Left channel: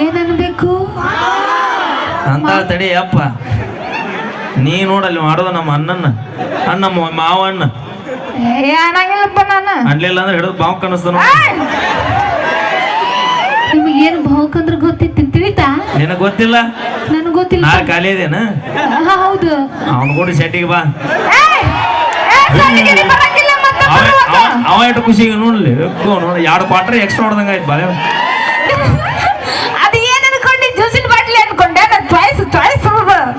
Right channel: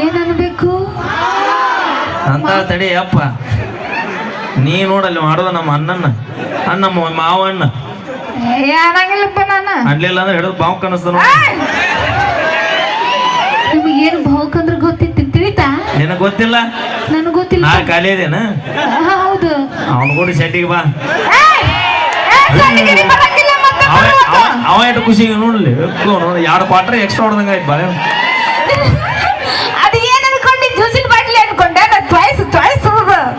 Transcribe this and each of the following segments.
ಏನನ್ಬೇಕು ಅಂತ ತಡಿ ಅಪ್ಪ ನೀ ನೋಡಲ್ಲಿ ಮಾಡೋದು ನಮ್ಮ ಅಣ್ಣ ಮಾವಣ್ಣ ಏನಾಗಿಲ್ಲಪ್ಪ ನಾನು ಅನ್ಲಿಲ್ಲ ಅಂದ್ರೆ ಹಿಡಿದು ಬಾವು ಕಾಣಿಸ್ತಾನ ನಿಮಗೇನು ಭಾವಕಂದ್ರೆ ಗೊತ್ತಿತ್ತು ತಿಳಿತಾ ನಿನಗೆ ಗೊತ್ತಿಲ್ಲ ನನಗೆ ಗೊತ್ತಿಲ್ಲ ನಾ ಖಾಲಿ ಇದೇನ ಹೌದು ಅವನು ಕೂಡ ಸೆಟ್ಟಿಗೆ ಬಾ ಸಣ್ಣಿಗೆ ಬರಂಗಿಲ್ಲ ಮತ್ತೆ ಅವ ಎಷ್ಟು ಖುಷಿಗೆ ನೋಡ್ಲಿ ಎರಡು ಕ್ವಾಟ್ರ್ ಎಕ್ಸ್ಟ್ರಾ ಹೊಡೆದಂಗ ಆಯ್ತು ಬಾಳೆ ಅದು ಏನ್ ಅನ್ಕೊಂಡೆ ಜ್ಯೂಸಿನ ಬಾಟ್ಲಿ ಅನ್ಕೊಂಡೆ ನಾನು ಚಾಯ್ಸ್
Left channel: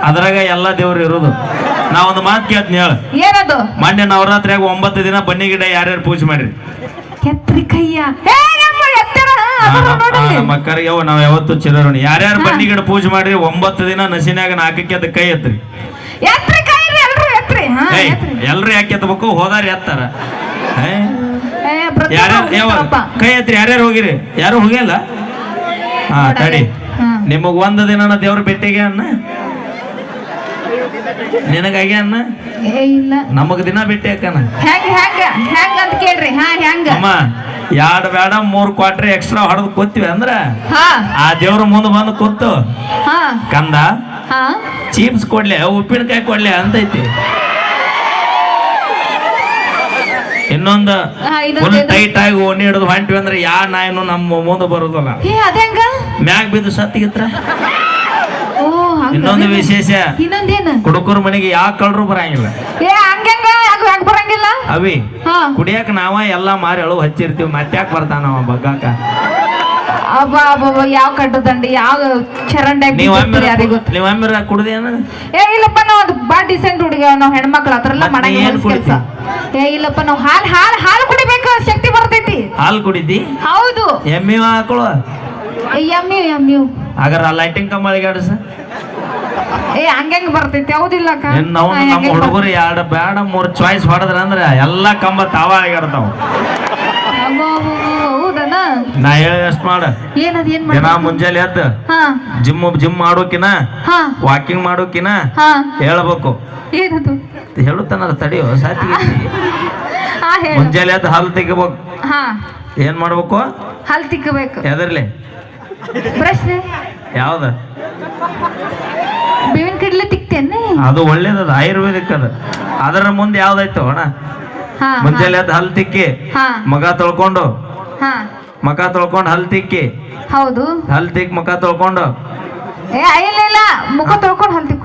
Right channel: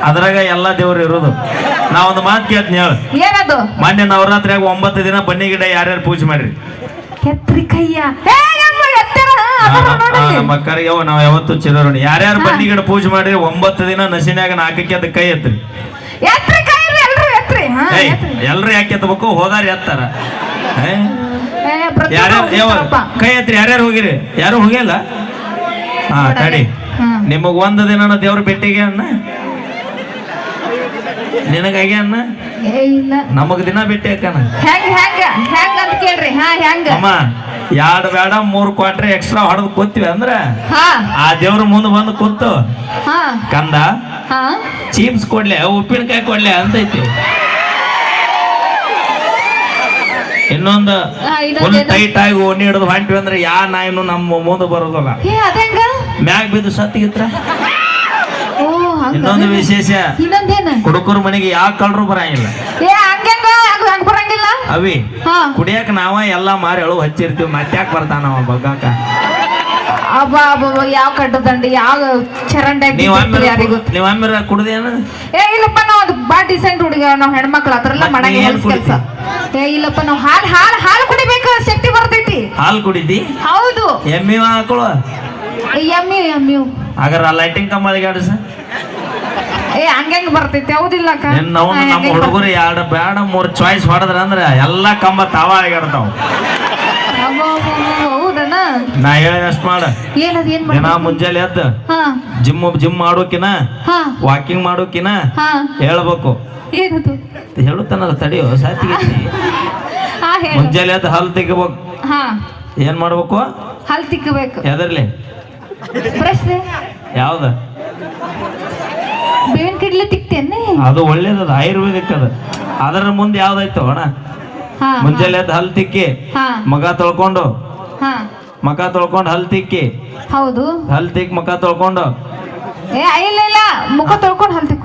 ಅದ್ರಾಗ ಎಲ್ಲ ದೇವ್ರು ಇರೋದು ನಾ ಒಂದು ಮಾತು ಕೇಳ್ತೀನಿ ಹೇಳು ಏನದು ಮೊನ್ನೆ ನವರಾತ್ರಿಯಾಗ 9 ದಿನ ಬನ್ನಿ ಗಿಡ ಯಾರ್ಯಾರು ಪೂಜೆ ಮಾಡಿರಿ ಕೆತ್ರಿ ಕೈಯ ಮಕ್ಕಳಿಗೆ ಅವ ನಾವ್ ಯಾವತ್ತು ಚಿರೋಣಿ ಯಾರ್ಯಾರು ಬನ್ನಿ ಗಿಡ ಪೂಜೆ ಮಾಡ್ರಿ 9 ದಿನ ನಸಿನ್ಯಾಗ 4ಕ್ಕೆ ಅದ ಕೈ ಎತ್ರಿ ಎಲ್ರು ಯಾಕೆ ಎತ್ತಬೇಕು ಹೋದಾರ ಎತ್ತಾರ ಕೈ ಎತ್ರಿ ಯಾರ್ಯಾರು ಹೋಗಿರಿ ಯಾರು ಹೋಗಿಲ್ಲ ಹಾ ತಡಿ ನಿಮಗ್ 1 ದಿನ ದೇವ್ರ ಭೇಟಿಗೆ ಅನ್ನ ನಿನಗಾಗಿ ಅನ್ನ ಇಲ್ಲ ನಮಗ್ ದಿನ ಭೇಟಿ ಹಾಕನ ಅಂತ ಕೇಳ್ರಿ ಅಮ್ಮ 2 ಬೇಡ 3 ಕ್ವಾಟ್ರ್ ಎಕ್ಸ್ಟ್ರಾ ಹೊಡೆದು ಕೂತೀವಿ ಅಂದ್ರ ಹಾ ಆ ದೇವ್ರ ಮುಂದೆ ಬಂದು ಕೂತು ಹಾ ಕಂದ ಹಾ ಚೀಪ್ಸ್ ಕೊಡ್ಲೆ ಉಪ್ಪಿನಕಾಯಿ ಕೊಡ್ಲೆ ಅಂತೈತಿ ಇನ್ನೊಂದು ಫುಲ್ ಟೈಟ್ ಆಗಿ ಓಣಿ ಹಿಡಿದು ಹೊಂಟಿವಿ ಅಂದ್ರೆ ಯಾ ನಾಯಿನು ನಮ್ಮ ಮುಂದೆ ಬರೋದಲ್ಲ ಮ್ಯಾಗ್ ಬಿದ್ದು ಸತ್ತಿಗಿತ್ರ ಇನ್ನೊಂದು ವಿಶೇಷ ಕುಡುಕರ ಮನೆಗೆ ಯಾವ ಕಳ್ರು ಬರಂಗಿಲ್ಲ ಬರಂಗಿಲ್ಲ ಅವಿ ಕುಡಿಯಾಕ ನಾವ ಎಲ್ಲಾ ಮಾರಿ ಎಳು ಹಚ್ಚಿರ್ತೀವಿ ಮತ್ತ್ಯಾಕ್ ಬರ್ತಾನ ಬಗ್ಗಾಕ ಯಾವ ಕಡ್ಡು ದಂಡಿ ಯಾವ ಚರಂಡ ನೀವಮ್ಮಿರ ಕುಡ್ದೇನು ಇಲ್ಲಪ್ಪ ನಾವು ಬಾ ಡಿಸೆಂಟ್ ಹುಡುಗ ನಾವ್ ಹೆಣ್ಮಕ್ಳು ಅದ್ರೆಲ್ಲ ಮಾಡಂಗಿಲ್ಲ ಕೆಲಸ ಇಲ್ಲಪ್ಪ ನಾವು ಹಾಲು ಕುಡಿಬೇಕು ಶಕ್ತಿ ಬರ್ತೈತಿ ಹಾಲು ಕುಡಿದಿ ಹೌದು ಎಮ್ಮಿ ಹಾಕೊಳ್ಳುವ ಎಮ್ಮಿ ಹಾಗಾರ ಲೈಟಿಂಗ್ ಕಂಬಳಿಗೆ ಆಡಿಸ ಹಂಗಂಗ ಬರ್ತೈತಿ ಹೌದಿಲ್ಲ ನಮ್ಮ ಹುಡುಗರು 2 ಬೇಡ 3 ಚಾಯ್ಸ್ ಹೊಡೆದ್ರ ಅಂದ್ರ ಎಲ್ಲಾ ಕಂಬ ತಾವ ಆಗಿರ್ತಾವ ಹೌದನ ನಾ ಹೇಳಿದಷ್ಟು ಮಾಡ ದಿನ ಮುಂಜಾನೆ ಎದ್ದು ಜಿಮ್ ಮಾಡೋಕಿನ ವಾಕಿಂಗ್ ಮಾಡೋಕಿನ ಹೇಳ್ಬೇಕು ಏನದು ಹೇಳುತ್ತಾನಲ್ಲ ತಡಿಯೋ ಸಾತಿ ಮುಂಜಾನೆ ಎದ್ದು ಹಾಲು ತೆಗಿಬೇಕು ಏನ್ ಮಾಡ್ಬೇಕು ಹಾಲು ತಿಕ್ಕಬೇಕು ಎದರ್ಲಿ ಪ್ರಶ್ನೆ ಯಾವ್ದ ಬೇವಿನ ಕಡ್ಲೆ ತಿಕ್ತೇನೆ ಅದು ಒಳ್ಳೇದದ ಆಯುರ್ವೇದಿಕ್ ಅದು ಅದರ ಮುಂದೆ ಯಾವ್ದಾಯ್ತು ಅಣ್ಣ ಮುಂಜಾನೆ ಎದ್ದು ಹಲ್ ತಿಕ್ಕಿ ಮಗ ತೊಳ್ಕೊಂಡು ಹಲ್ ತಿಕ್ಕಿ ಹೌದು ಹಲ್ ತಿಕ್ಕಿ ಮಗ ತೊಳ್ಕೊಂಡು ಇಲ್ಲ ಮುಖ ತೊಳ್ಕೊಂಡು ಹಲ್ ತಿಕ್ಕು